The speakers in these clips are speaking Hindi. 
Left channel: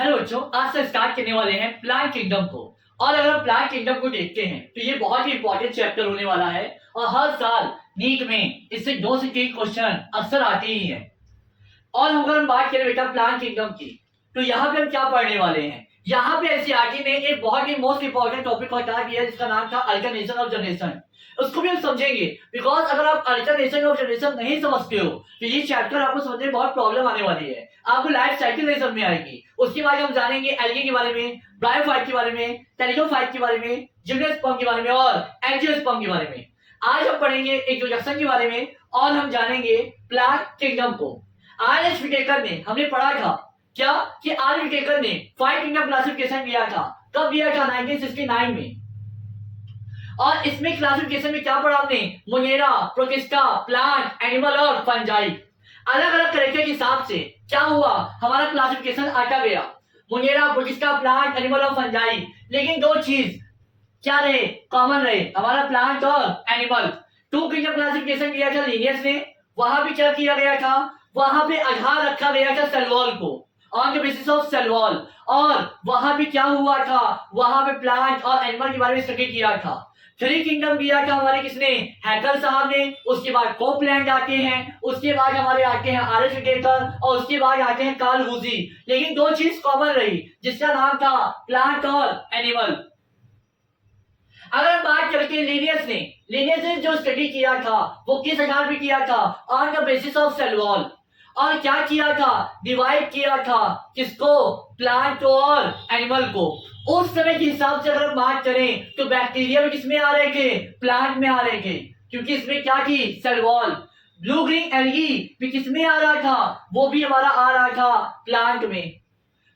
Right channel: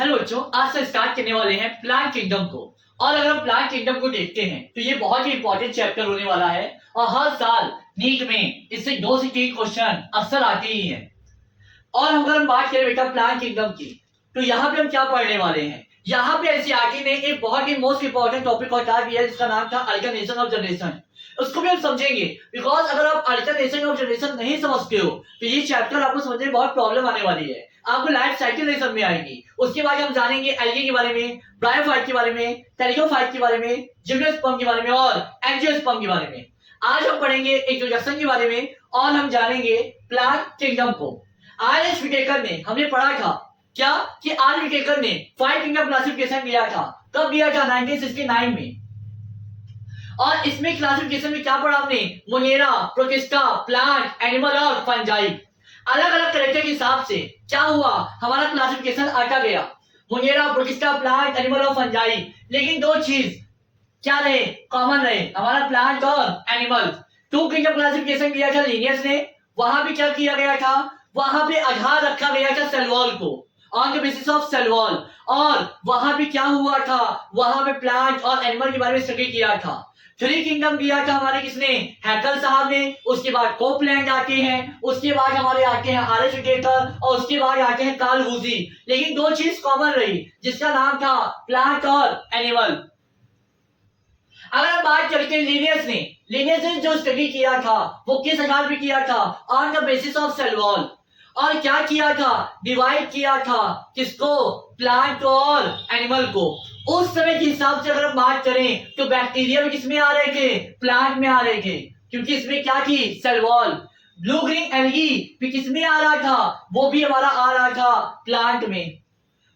हेलो बच्चों, आज से स्टार्ट करने वाले हैं प्लांट किंगडम को। और अगर हम प्लांट किंगडम को देखते हैं तो ये बहुत ही इंपॉर्टेंट चैप्टर होने वाला है और हर साल नीट में इससे 2 से 3 क्वेश्चन अक्सर आते ही हैं। और अगर हम बात करें बेटा प्लांट किंगडम की, तो यहाँ पे हम क्या पढ़ने वाले हैं। यहाँ पे एनसीईआरटी ने एक बहुत ही मोस्ट इंपॉर्टेंट टॉपिक हटा दिया जिसका नाम था अल्टरनेशन ऑफ जनरेशन। उसको भी हम समझेंगे, बिकॉज अगर आप अल्टरनेशन ऑफ जनरेशन नहीं समझते हो तो ये चैप्टर आपको समझने में बहुत प्रॉब्लम आने वाली है, आपको लाइफ साइकिल नहीं समझ में आएगी। उसके बाद हम जानेंगे एल्गी के बारे में, ब्रायोफाइट के बारे में, टेरिडोफाइट के बारे में, जिम्नोस्पर्म के बारे में और एंजियोस्पर्म के बारे में। आज हम पढ़ेंगे इंट्रोडक्शन के बारे में और हम जानेंगे प्लांट किंगडम को। आर.एच. विटेकर ने हमने पढ़ा था क्या कि आर विटेकर ने 5 किंगडम क्लासिफिकेशन दिया था। कब दिया था? 1969 में। और इसमें क्लासिफिकेशन में क्या पढ़ा हमने? मोनेरा, प्रोटिस्टा, प्लांट, एनिमल और फंजाई। अलग अलग कैरेक्टर के हिसाब से क्या हुआ, हमारा क्लासिफिकेशन आता गया। मोनेरा, प्रोटिस्टा, प्लांट, एनिमल और फंजाई। लेकिन 2 चीज क्या रहे, कॉमन रहे, हमारा प्लांट और एनिमल। 2 किंगडम क्लासिफिकेशन किया था लीनियस ने। वहां भी क्या किया गया था, वहां पे आधार रखा गया था सेल वॉल को, on the basis of cell wall. और वहां पे क्या हुआ था, वहां पे प्लांट और एनिमल के बारे में स्टडी किया था। 3 किंगडम दिया था हमारे किसने? हैकल साहब ने। उसके बाद कोपलैंड आते हैं, उसके बाद हमारे आते हैं आर.एच. विटेकर और उसके बाद आते हैं कार्ल वुजी। लेकिन 2 चीज कॉमन रही जिसका नाम था प्लांट और एनिमल। अगर हम बात करते हैं लीनियस ने जो स्टडी किया था वो किस आधार पे किया था? On the basis of cell wall. और क्या किया था? डिवाइड किया था किसको? प्लांट और एनिमल को। उस समय के हिसाब से अगर हम बात करें तो बैक्टीरिया भी किसमें आ रहे थे? प्लांट में आ रहे थे, क्योंकि इसमें क्या थी? Cell wall. Blue green algae भी किसमें आ रहा था? वो भी हमारा आ रहा था प्लांट में।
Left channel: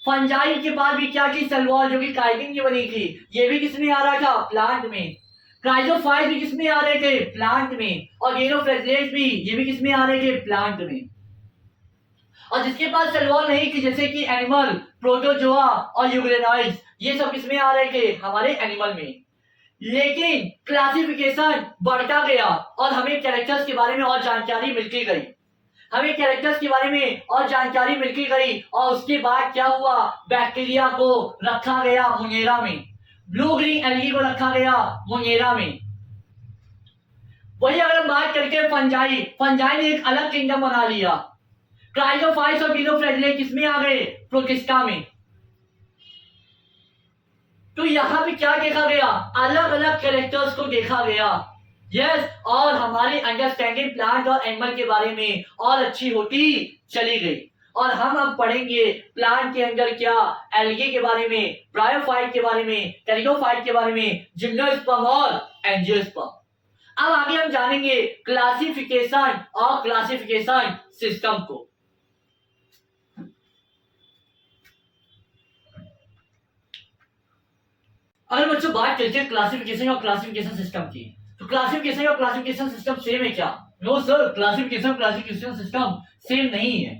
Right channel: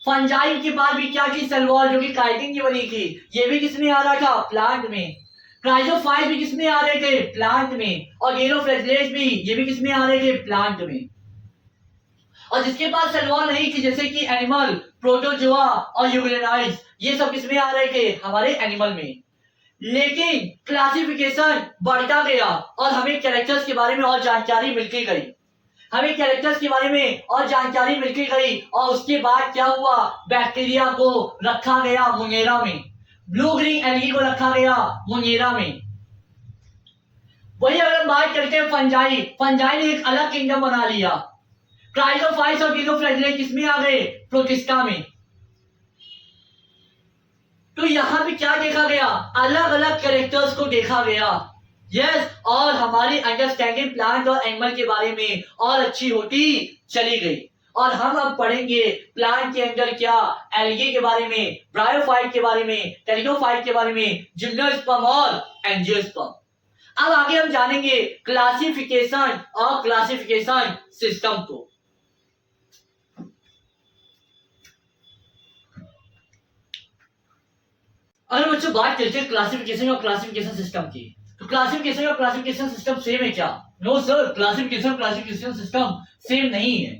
फंजाई के बाद भी क्या की? सेल वॉल, जो कि काइटिन की बनी थी, ये भी किसमें आ रहा था? प्लांट में। क्राइजोफाइट भी किसमें आ रहे थे? प्लांट में। और गेनोफ्लेजेलेट्स भी, ये भी किसमें आ रहे थे? प्लांट में। और जिसके पास सेल वॉल नहीं थी जैसे कि एनिमल, प्रोटोजोआ और यूग्रेनाइड्स, ये सब किसमें आ रहे थे? हमारे एनिमल में। लेकिन क्लासिफिकेशन बढ़ता गया और हमें कैरेक्टर्स के बारे में और जानकारी मिलती गई। हमें कैरेक्टर्स के बारे में और जानकारी मिलती गई और उसके बाद क्या हुआ? बैक्टीरिया को रखा गया मोनेरा में, ब्लू ग्रीन एल्गी को रखा गया मोनेरा में। वही अगर हम बात करते हैं फंजाई ने एक अलग किंगडम बना लिया। क्राइजोफाइट्स और गेनोफ्लेजेलेट्स किसमें आ गए? प्रोटिस्टा में। तो यहां भी क्या देखा गया? अलग अलग कैरेक्टर्स को देखा गया। यस, और हमारी अंडरस्टैंडिंग प्लांट और एनिमल के बारे में और अच्छी होती चली गई। और हम अब पढ़ेंगे प्लांट के अंदर क्या, एल्गी के बारे में, ब्रायोफाइट के बारे में, टेरिडोफाइट के बारे में, जिम्नोस्पर्म और एंजियोस्पर्म। अब आगे हम जानेंगे क्लासिफिकेशन और क्लासिफिकेशन सिस्टम को। अगर बच्चों बात करते हैं क्लासिफिकेशन और क्लासिफिकेशन सिस्टम की, तो क्लासिफिकेशन और क्लासिफिकेशन सिस्टम सेम है क्या? No sir, classification system same नहीं है।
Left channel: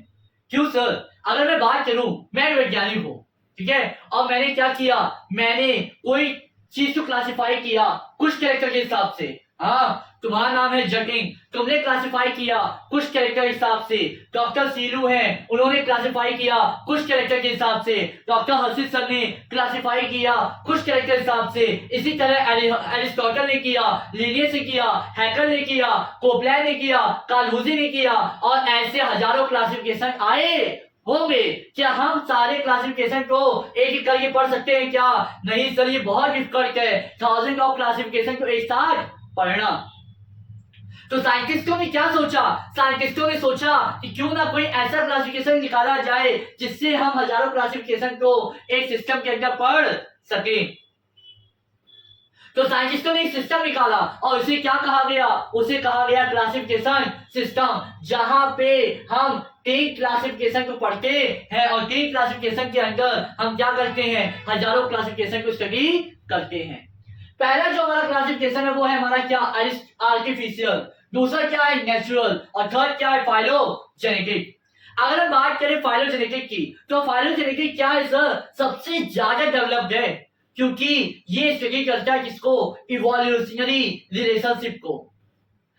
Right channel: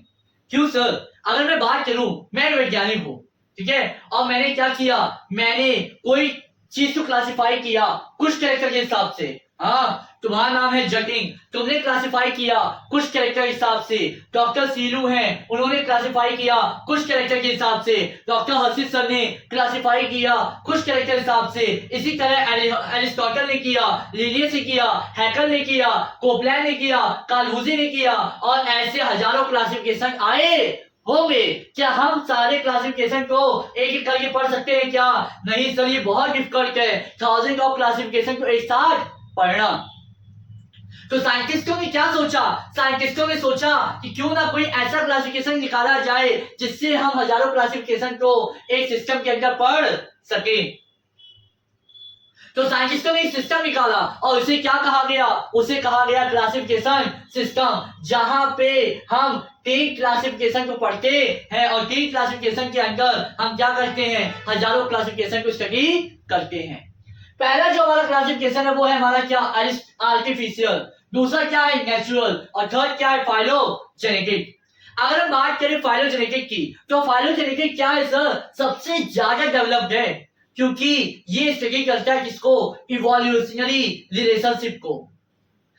क्यों सर? अगर मैं बात करूं, मैं एक वैज्ञानिक हूं, ठीक है, और मैंने क्या किया, मैंने कोई चीज को क्लासिफाई किया कुछ कैरेक्टर के हिसाब से। हाँ, तुम्हारा नाम है जटिन, तुमने क्लासिफाई किया कुछ कैरेक्टर के हिसाब से। डॉक्टर सीलू हैं, उन्होंने क्लासिफाई किया कुछ कैरेक्टर के हिसाब से। डॉक्टर हर्षित सर ने क्लासिफाई किया कुछ कैरेक्टर के हिसाब से। इसी तरह एरिस्टोटल ने किया, लिनियस ने किया, हैकल ने किया, कोपलैंड ने किया, कार्ल वुजी ने किया, और ऐसे हजारों क्लासिफिकेशन आए होंगे। क्या हम सारे क्लासिफिकेशन को एक एक करके पढ़ सकते हैं क्या? नहीं सर, ये बहुत डिफिकल्ट है 1000 ऑफ क्लासिफिकेशन को एक साथ पढ़ना। तो साइंटिस्टों ने क्या सोचा? साइंटिस्टों ने सोचा कि क्यों ना कोई ऐसा क्लासिफिकेशन निकाला जाए जिससे हम हजारों क्लासिफिकेशन को एक सिस्टम के अंदर पढ़ सके। तो साइंटिस्टों ने एक सिस्टम निकाला और उसे क्या कहा गया? उसे कहा गया क्लासिफिकेशन सिस्टम, जहां पे हम 3 क्लासिफिकेशन को पढ़ते हैं और 3 क्लासिफिकेशन के अंदर हम क्या करते हैं? हजारों क्लासिफिकेशन को स्टडी करते हैं। पहला जो हमारा क्लासिफिकेशन है वो है हमारा क्या? आर्टिफिशियल। दूसरा क्या है? नेचुरल। और थर्ड क्या है? फाइलोजेनेटिक। अगर हम बात करें फाइलोजेनेटिक की, तो फाइलोजेनेटिक क्या है सर? सबसे ज्यादा डेवलप्ड है, क्योंकि ये स्टडी करता है किसको? इवोल्यूशनरी रिलेशनशिप को।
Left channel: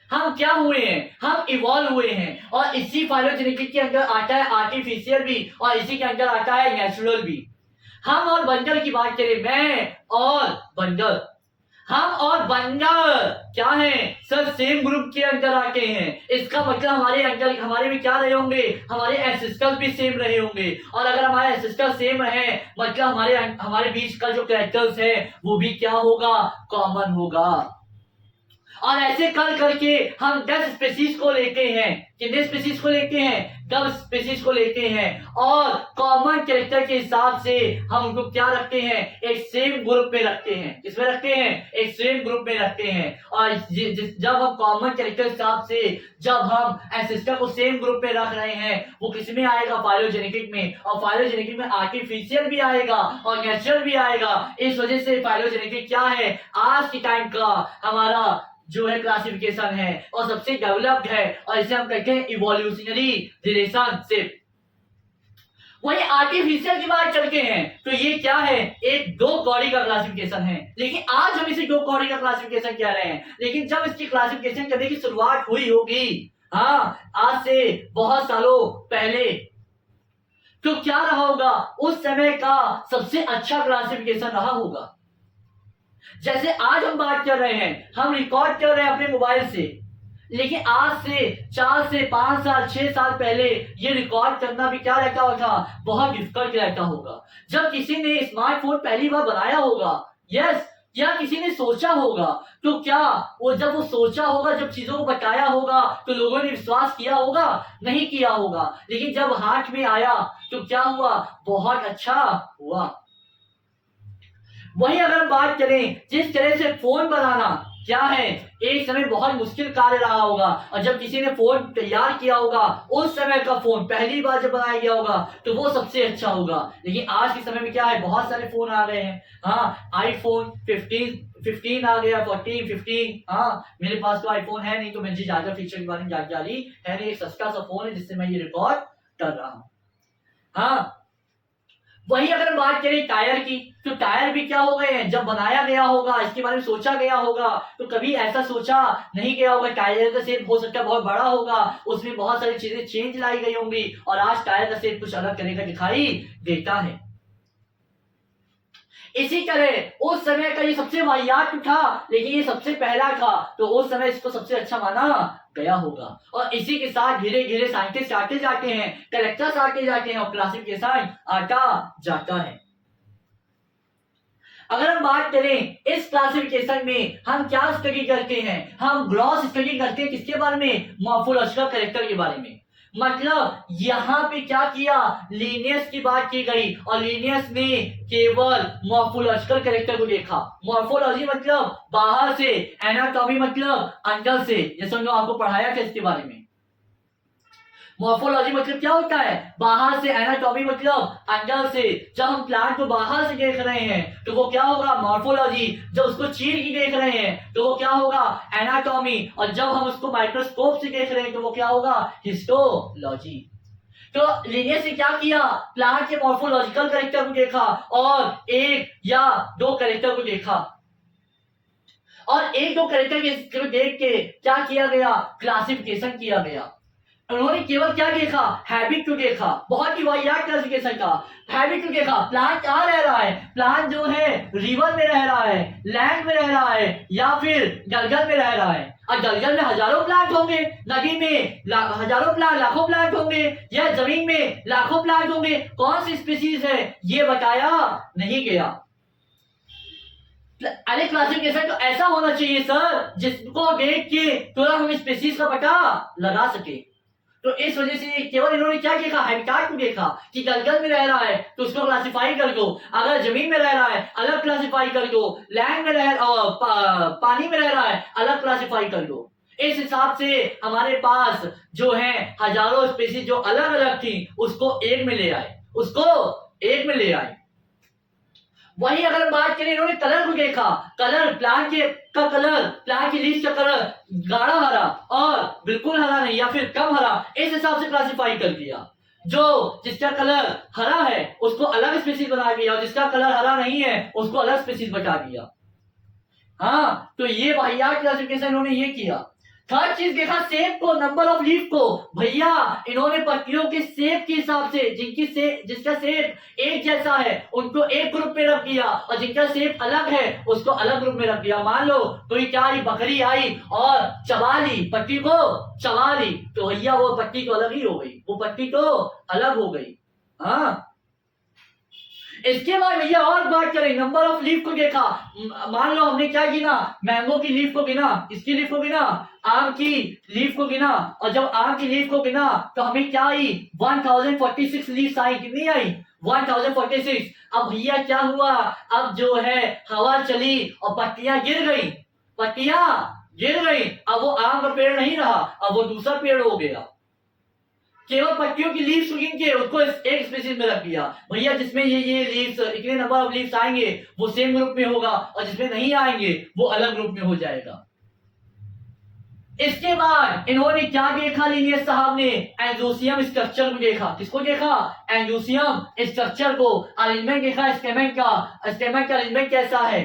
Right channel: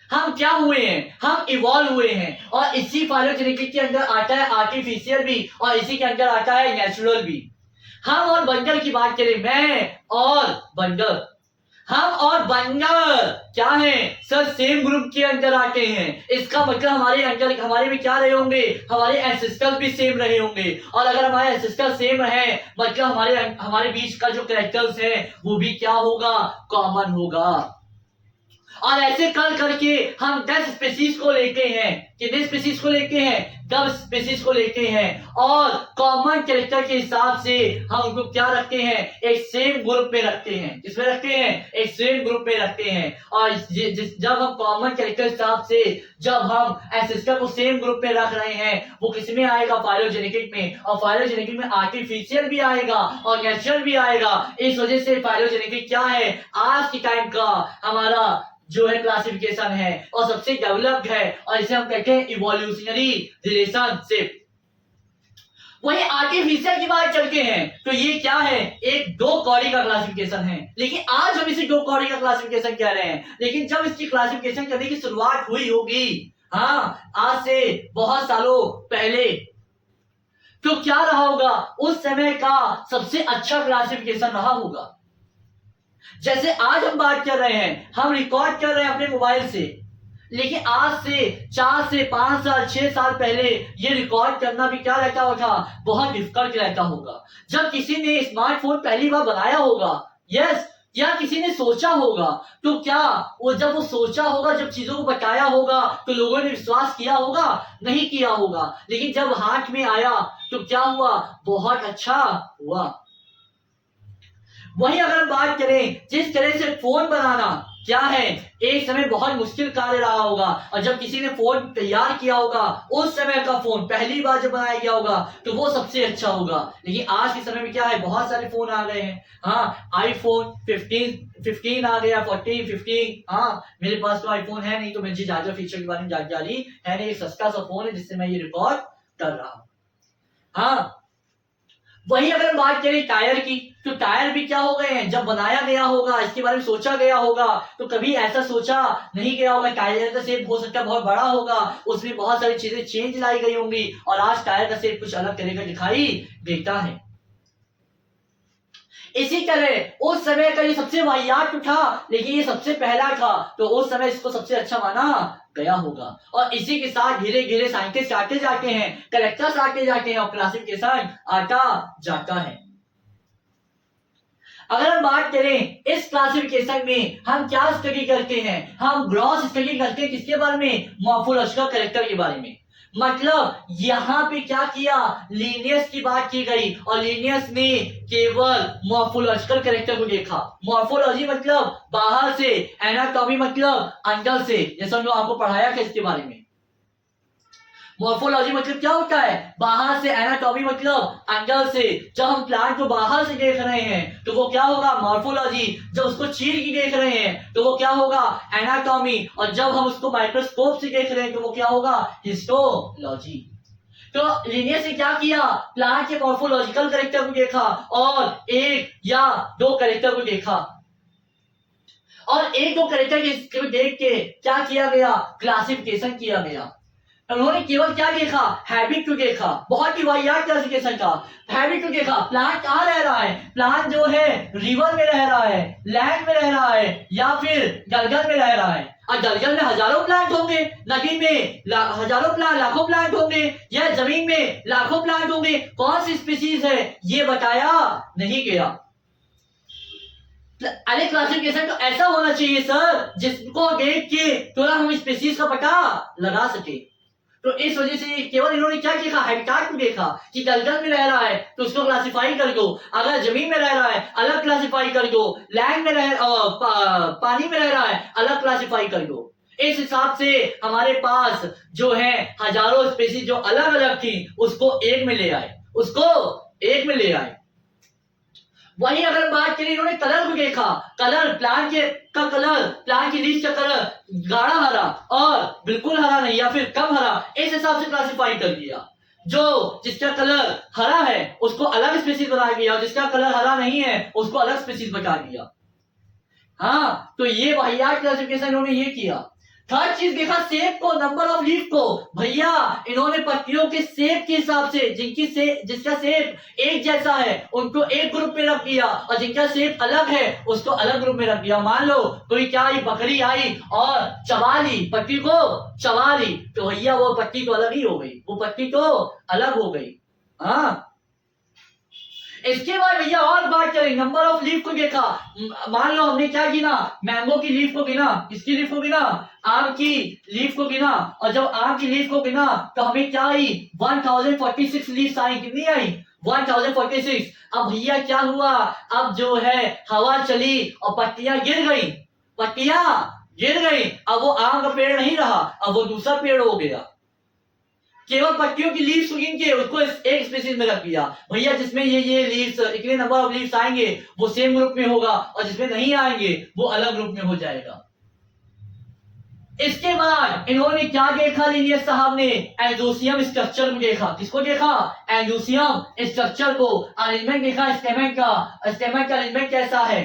हम क्या हुए हैं? हम इवॉल्व हुए हैं। और इसी फाइलोजेनेटिक के अंदर आता है आर्टिफिशियल भी और इसी के अंदर आता है नेचुरल भी। हम और बंदर की बात करें, मैं और बंदर, हम और बंदर क्या है सर, सेम ग्रुप के अंदर आते हैं। इसका मतलब हमारे अंदर, हमारे में क्या रहे होंगे, हमारे एंसेस्टर्स भी सेम रहे होंगे। और अगर हमारे एंसेस्टर सेम है मतलब हमारे बीच का जो कैरेक्टर्स है वो भी क्या होगा, कॉमन होगा। और ऐसे कर करके हम 10 स्पीसीज को लेते हैं। कितने स्पीसीज को लेते हैं, 10 स्पीसीज को लेते हैं। और कॉमन कैरेक्टर के हिसाब से हम उनको क्या रखते हैं, एक सेम ग्रुप में रखते हैं। किसमें रखते हैं, एक सेम ग्रुप में रखते हैं। और जब हम कॉमन कैरेक्टर के हिसाब से जब हम एंसेस्टर को सेम ग्रुप में रख रहे हैं, वो किसमें आएगा, फाइलोजेनेटिक में। और फाइलोजेनेटिक में आर्टिफिशियल भी आएगा और नेचुरल भी आएगा। इस वजह से फाइलोजेनेटिक क्या है, आज के टाइम का हमारा जो है क्लासिफिकेशन है और सबसे डेवलप्ड है, और इसे हम कहते हैं इवोल्यूशनरी रिलेशनशिप। वही आर्टिफिशियल की बात चलते हैं तो ये क्या है, एक दो कौड़ी का क्लासिफिकेशन है। लेकिन आज हम इसे दो कौड़ी का क्लासिफिकेशन कह रहे हैं, लेकिन जब इसकी क्लासिफिकेशन करने की शुरुआत हुई होगी, हाँ, आज से बहुत सालों पहले, तो क्या रहा होगा, उस समय का सबसे अच्छा क्लासिफिकेशन रहा होगा। जैसे आज हम बात कर रहे हैं, हम रिकॉर्ड कर रहे हैं अपने मोबाइल से, लेकिन आज से 4 से 5 साल 6 साल पहले ये रिकॉर्ड करना भी क्या रहता होगा, बहुत डिफिकल्ट रहता होगा। जब किसी ने स्मार्टफोन पहली बार बनाया होगा, यस, या किसी ने सोचा होगा, तो क्या वो जब वो सोचा होगा, जब चीजों को बताया होगा, तो लोगों ने विश्वास किया होगा, नहीं किया होगा। लेकिन जब हाथ में आया तो क्या हुआ, बहुत अच्छा हुआ। वही अगर हम बात करें, जिस तरह से फोन बनाना क्या है, एक समय बहुत मुश्किल कार्य रहा होगा। और जब किसी ने फोन तैयार किया होगा, उस समय का फोन पहली बार जब बनाया गया होगा, तो वो सबसे अच्छा होगा। लेकिन आज के समय में क्या है, बहुत सारे फोन आ गए हैं। हाँ, आईफोन 15 आ गया, 14, 15। हाँ, मेरे पास तो आईफोन है नहीं, तो मुझे ज्यादा फीचर के बारे में जानकारी है नहीं। सस्ता सा फोन है जिससे मैं ये रिकॉर्ड कर रहा हूं। हाँ, वही अगर हम बात करें टायर की, तो टायर भी क्या हो गए हैं, जब बनाया गया होगा, इसके बारे में सोचा गया होगा, तो कभी ऐसा सोचा नहीं गया होगा टायर का शेप हो सकता है बहुत बड़ा होगा, उसमें बहुत सारी चीजें चेंज लाई गई होंगी, और आज टायर का शेप कुछ अलग तरह का दिखाई देता है। इसी तरह उस समय का ये सबसे वाहियात था, लेकिन ये सबसे पहला था, तो उस समय इसको सबसे अच्छा माना गया होगा। और इसी के साथ धीरे धीरे साइंटिस्ट आते जाते हैं, कलेक्टर्स आते जाते हैं, और क्लासिफिकेशन आता जाता है। अगर हम बात करें इस क्लासिफिकेशन में हम क्या स्टडी करते हैं, हम ग्रॉस स्टडी करते हैं। किसके बारे में, मॉर्फोलॉजिकल कैरेक्टर के बारे में। मतलब यहां पे क्या किया, लीनियस की बात की गई, और लीनियस ने केवल मॉर्फोलॉजिकल कैरेक्टर को देखा। मॉर्फोलॉजी मतलब बाहर से, एनाटॉमी मतलब अंदर से, जैसा जो आपको पढ़ाया था इसके बारे में। मॉर्फोलॉजी मतलब क्या होता है, बाहर से, एनाटॉमी मतलब अंदर से। जब हम प्लांट को बाहर से देख रहे हैं तो वो क्या होगा, मॉर्फोलॉजी। जब उसको चीर के देख रहे हैं तो वो क्या होगा, एनाटॉमी। और जब हम उसको माइक्रोस्कोप से देख रहे हैं तो वो क्या होगा, हिस्टोलॉजी। तो लिनियस ने क्या किया, प्लांट के मॉर्फोलॉजिकल कैरेक्टर को देखा, और एक या दो कैरेक्टर को देखा, और एक दो कैरेक्टर के देख के क्या किया गया, क्लासिफिकेशन किया गया। उन्होंने केवल क्या देखा, हैबिट को देखा। बहुत ही वाहियात क्लासिफिकेशन का हैबिट को देखा। प्लांट कहाँ रह रहा है, प्लांट जो है रिवर में रह रहा है, लैंड में रह रहा है, या फिर जंगल में रह रहा है। और जंगल में हजारों प्लांट होंगे, नदी में हजारों प्लांट, लाखों प्लांट होंगे, या जमीन में लाखों प्लांट होंगे। कौन सी स्पीसीज है ये बताया नहीं गया। अरे क्लासिफिकेशन तो ऐसा होना चाहिए सर, जिसको देख के तुरंत हम स्पीसीज का पता लगा सके। तो इस वजह से केवल इन्होंने क्या देखा, हैबिटाट को देखा कि जंगल में रह रहा है तो उसको क्लासिफाई कर दो, अगर जमीन में रह रहा है अलग क्लासिफाई कर दो, लैंड में पानी में रह रहा है अलग क्लासिफाई कर दो। इस हिसाब से हमारे पास जो है हजारों स्पीसीज जो अलग अलग थी उसको एक में ले आए, उसको एक में ले आए। वही अगर बात करें, इन्होंने कलर को देखा, कलर प्लांट के का कलर, प्लांट की लीफ का कलर गाढ़ा हरा और बिल्कुल हरा नहीं, या फिर कम हरा, इस हिसाब से क्लासिफाई कर दिया। जो जिसका कलर हरा है उसको अलग स्पीसीज बना दिया, और जिसका कलर हरा नहीं है उसको अलग स्पीसीज बता दिया। हाँ, तो ये वाहियात क्लासिफिकेशन इन्होंने ये किया। थर्ड चीज देखा शेप को, नंबर ऑफ लीफ को। भैया इन्होंने पत्तियों के शेप के हिसाब से जिसका शेप एक जैसा है उनको एक ग्रुप में रख दिया, और जिनका शेप अलग है उसको अलग ग्रुप में रख दिया। मान लो कोई क्या आई, बकरी आई और चबा ली, पत्ती को चबा ली, तो भैया वो पत्ती तो अलग ही हो गई, वो पत्ती तो अलग हो गई। हाँ, इसके बाद भैया और बात करें, नंबर ऑफ लीफ को देखा। मान लो हमने क्या गिना, मैंगो की लीफ को गिना, किसकी लीफ को गिना, आम की लीफ को गिना, और जब आम की लीफ को गिना तो हमें क्या आई, 1046 लीफ आई। कितनी आई, 1046। अब भैया क्या हुआ, अब जो है हवा चली और पत्तियां गिर गई, पत्तियां गिर गई। अब वो आम का पेड़ नहीं रहा, अब वो दूसरा पेड़ हो गया। केवल पत्तियों की लीव्स को गिन के उसको एक स्पीशीज में रख दिया। भैया जिसमें ये लीव्स, इतने नंबर ऑफ लीव्स आएंगे वो सेम ग्रुप में होगा, और जिसमें नहीं आएंगे वो अलग ग्रुप में हो जाएगा। इसके बाद इन्होंने क्या देखा, लीनियस साहब ने एंडोसियम स्ट्रक्चर को देखा। किसको देखा, एंडोसियम स्ट्रक्चर को। अरेंजमेंट देखा स्टेमेन का, स्टेमेन का अरेंजमेंट कैसा है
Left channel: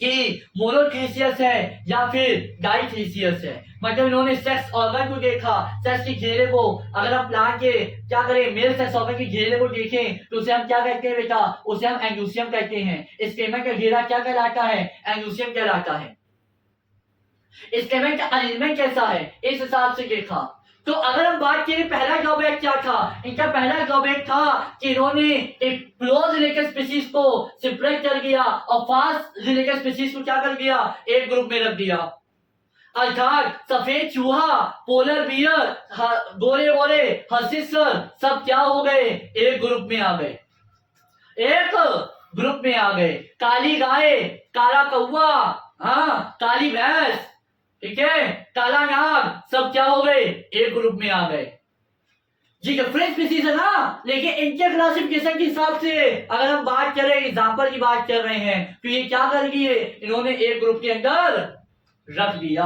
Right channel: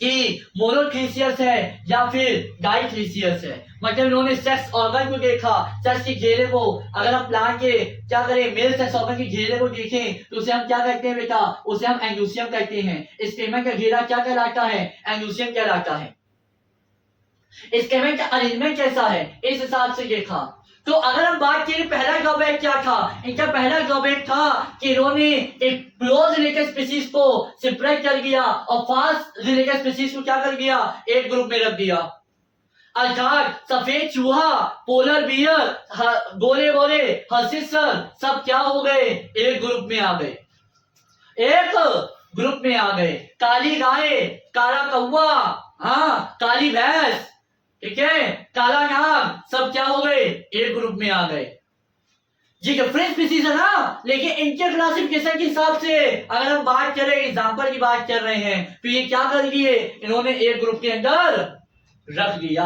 कि मोनोथ्रीसियस है या फिर डाइथ्रीसियस है। मतलब इन्होंने सेक्स ऑर्गन को देखा, सेक्स की घेरे को। अगर हम प्लांट के क्या करें, मेल सेक्स ऑर्गन की घेरे को देखें तो उसे हम क्या कहते हैं बेटा, उसे हम एंडोसियम कहते हैं। स्टेमेन का घेरा क्या कहलाता है, एंडोसियम कहलाता है। स्टेमेन का अरेंजमेंट कैसा है, इस हिसाब से देखा। तो अगर हम बात करें पहला ड्रॉबैक क्या था, इनका पहला ड्रॉबैक था कि इन्होंने एक क्लोज रिलेटेड स्पीशीज को सेपरेट कर दिया और फास्ट रिलेटेड स्पीशीज को क्या कर दिया, एक ग्रुप में रख दिया। अर्थात सफेद चूहा, पोलर बियर, गोरे गोरे हर्सिसर सब क्या हो गए, एक ग्रुप में आ गए, एक ग्रुप में आ गए। काली गाय, काला कौवा, हाँ काली भैंस, ठीक है, काला नाग, सब क्या हो गए, एक ग्रुप में आ गए। ये डिफरेंट स्पीशीज है ना, लेकिन इनके क्लासिफिकेशन के हिसाब से अगर हम बात करें, एग्जांपल की बात कर रहे हैं, तो ये क्या कर दिए, इन्होंने एक ग्रुप के अंदर रख दिया।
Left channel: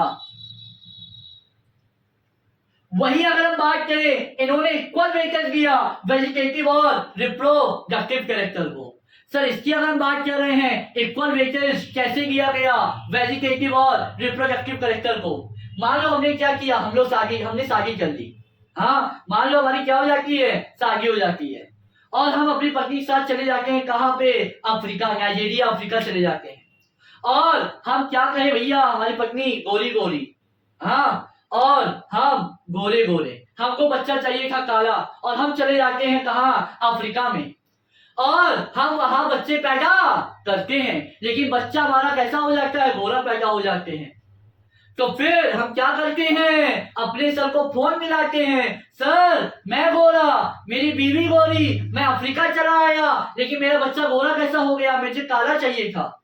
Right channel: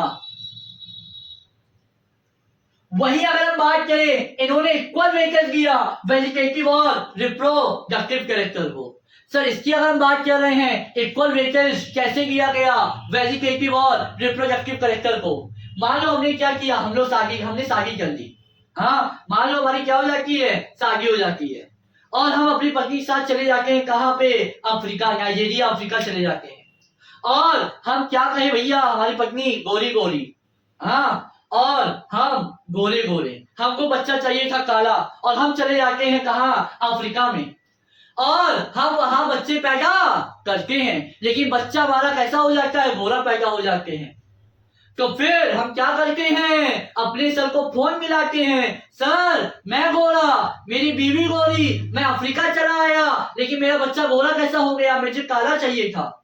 वही अगर हम बात करें, इन्होंने इक्वल वेटेज दिया वेजिटेटिव और रिप्रोडक्टिव कैरेक्टर को। सर इसकी अगर हम बात कर रहे हैं, इक्वल वेटेज कैसे दिया गया वेजिटेटिव और रिप्रोडक्टिव कैरेक्टर को। मान लो हमने क्या किया, हमने शादी कर ली, हाँ मान लो हमारी क्या हो जाती है, शादी हो जाती है, और हम अपनी पत्नी के साथ चले जाते हैं कहाँ पे, अफ्रीका, नाइजीरिया अफ्रीका चले जाते हैं। और हम क्या कहें भैया, हमारी पत्नी गोरी गोरी, हाँ और हम गोरे गोरे, हमको बच्चा चाहिए था काला, और हम चले जाते हैं कहाँ, अफ्रीका में, और हम वहां बच्चे पैदा करते हैं, लेकिन बच्चा हमारा कैसा हो जाता है, गोरा पैदा हो जाते हैं। तो फिर हम क्या करते हैं, अपने सर को फोन मिलाते हैं, सर मैं गोरा, मेरी बीवी गोरी, मैं अफ्रीका चला आया, लेकिन मेरा बच्चा गोरा कैसा हो गया, मुझे काला चाहिए था।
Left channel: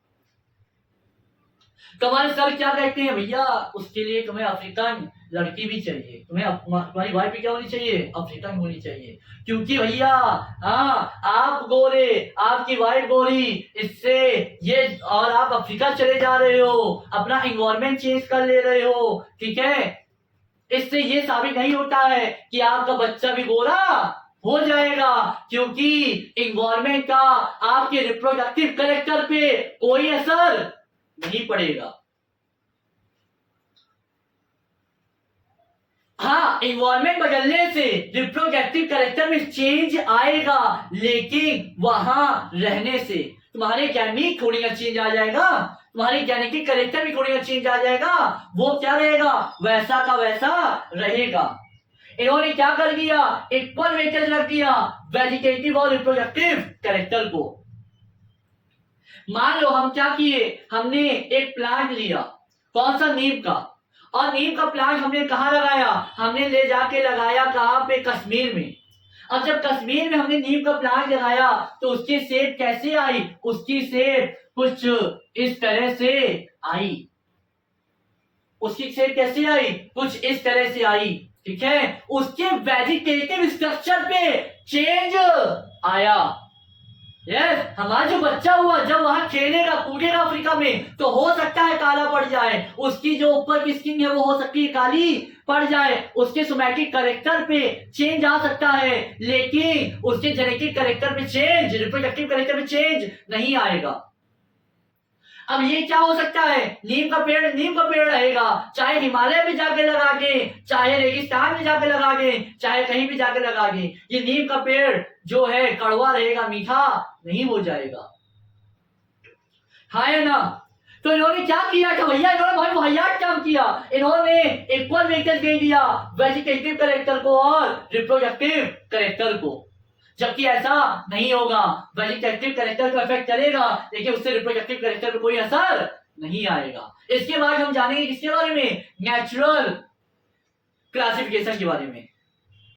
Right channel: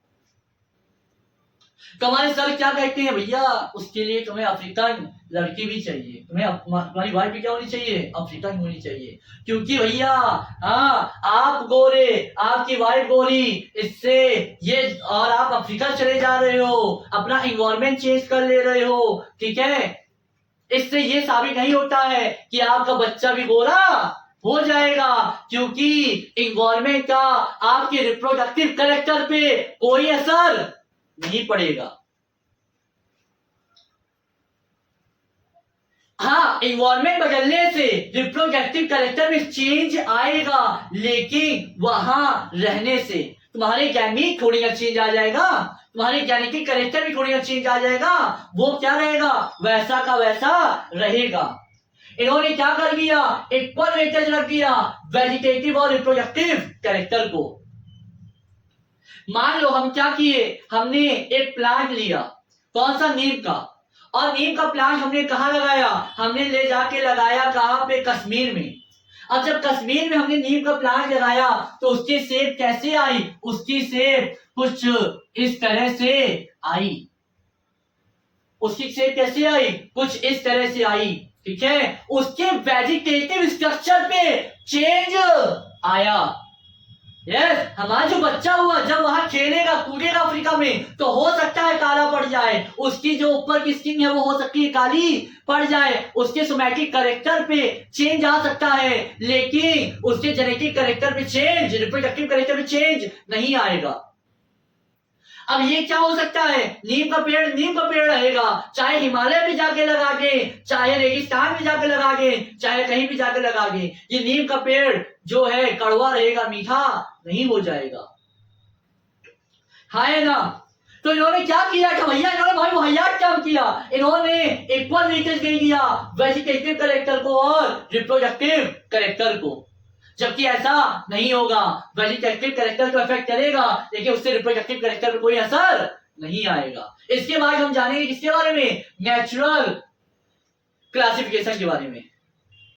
तो हमारे सर क्या कहते हैं, भैया उसके लिए तुम्हें अफ्रीकन लड़की भी चाहिए, तुम्हारी वाइफ भी क्या होनी चाहिए, अफ्रीकन होनी चाहिए, क्योंकि भैया हाँ आप गोरे, आपकी वाइफ गोरी, इससे ये, और आप अफ्रीका चले जा रहे हो, अपना इन्वायरमेंट चेंज कर ले रहे हो, ठीक है, इससे ये साबित नहीं होता है कि आपका बच्चा भी गोरा हो जाएगा, क्योंकि इन्वायरमेंट का आपके रिप्रोडक्टिव कैरेक्टर पे कोई असर नहीं पड़ेगा। हाँ इन्वायरमेंट बदलने से रिप्रोडक्टिव कैरेक्टर में चेंज आएगा, लेकिन वहां रहने से तुम्हारे गैमीट थोड़ी ना चेंज आ जाएगा, तुम्हारे जेनेटिक कैरेक्टर भी थोड़ी ना चेंज आ जाएगा, वो क्या रहेगा, वैसा का वैसा रहेगा। इन्होंने क्या कर दिया, इक्वल वेटेज रख दिया वेजिटेटिव और रिप्रोडक्टिव कैरेक्टर को। मान लो हम क्या किए, हमने एक प्लांट लिया, कौन सा, नीम का, और नीम का प्लांट हमने कहाँ लगाया, हमने ले जाके लगाया कहाँ पे, कश्मीर में। अब जब कश्मीर में हमने नीम का प्लांट लगाया तो उसकी सेब कैसे आई, उसकी सेब कुछ इस तरह से आई, उसकी सेब कैसे आई, कुछ इस तरह से आई, ठीक है, उसके वेजिटेटिव स्ट्रक्चर पे चेंज आया। यस हमारा जो बच्चा हुआ जब वहां खेलेगा कूदेगा अफ्रीका में, तो हो सकता है काला पड़ जाए, उसकी जो ऊपर की स्किन है वो हो सकती है काली पड़ जाए, उसके सोमैटिक कैरेक्टर पे चेंज आ सकता है, लेकिन उसके जेनेटिक कैरेक्टर पे चेंज, रिप्रोडक्टिव कैरेक्टर पे चेंज नहीं आएगा। अब ये क्या हो सकता है, नीम का पेड़ रहेगा, चाहे हिमालय में जाके लगा के, चाहे रेगिस्तान में जाके लगा के, चाहे कहीं भी जाके लगा के, ये नीम का पेड़ जो है कड़वा रहेगा, मीठा नहीं हो जाएगा। है ना। तो इन्होंने क्या किया कि भैया, इन्होंने भाई वाहियात काम किया, इन्होंने इक्वल वेटेज दे दिया वेजिटेटिव कैरेक्टर को और रिप्रोडक्टिव कैरेक्टर को, जबकि ऐसा नहीं होगा। वेजिटेटिव कैरेक्टर को इफेक्ट करेगा लेकिन उससे रिप्रोडक्टिव कैरेक्टर पर कोई असर नहीं आएगा। इसके बाद हम जानेंगे किसके बारे में, नेचुरल क्लासिफिकेशन के बारे में।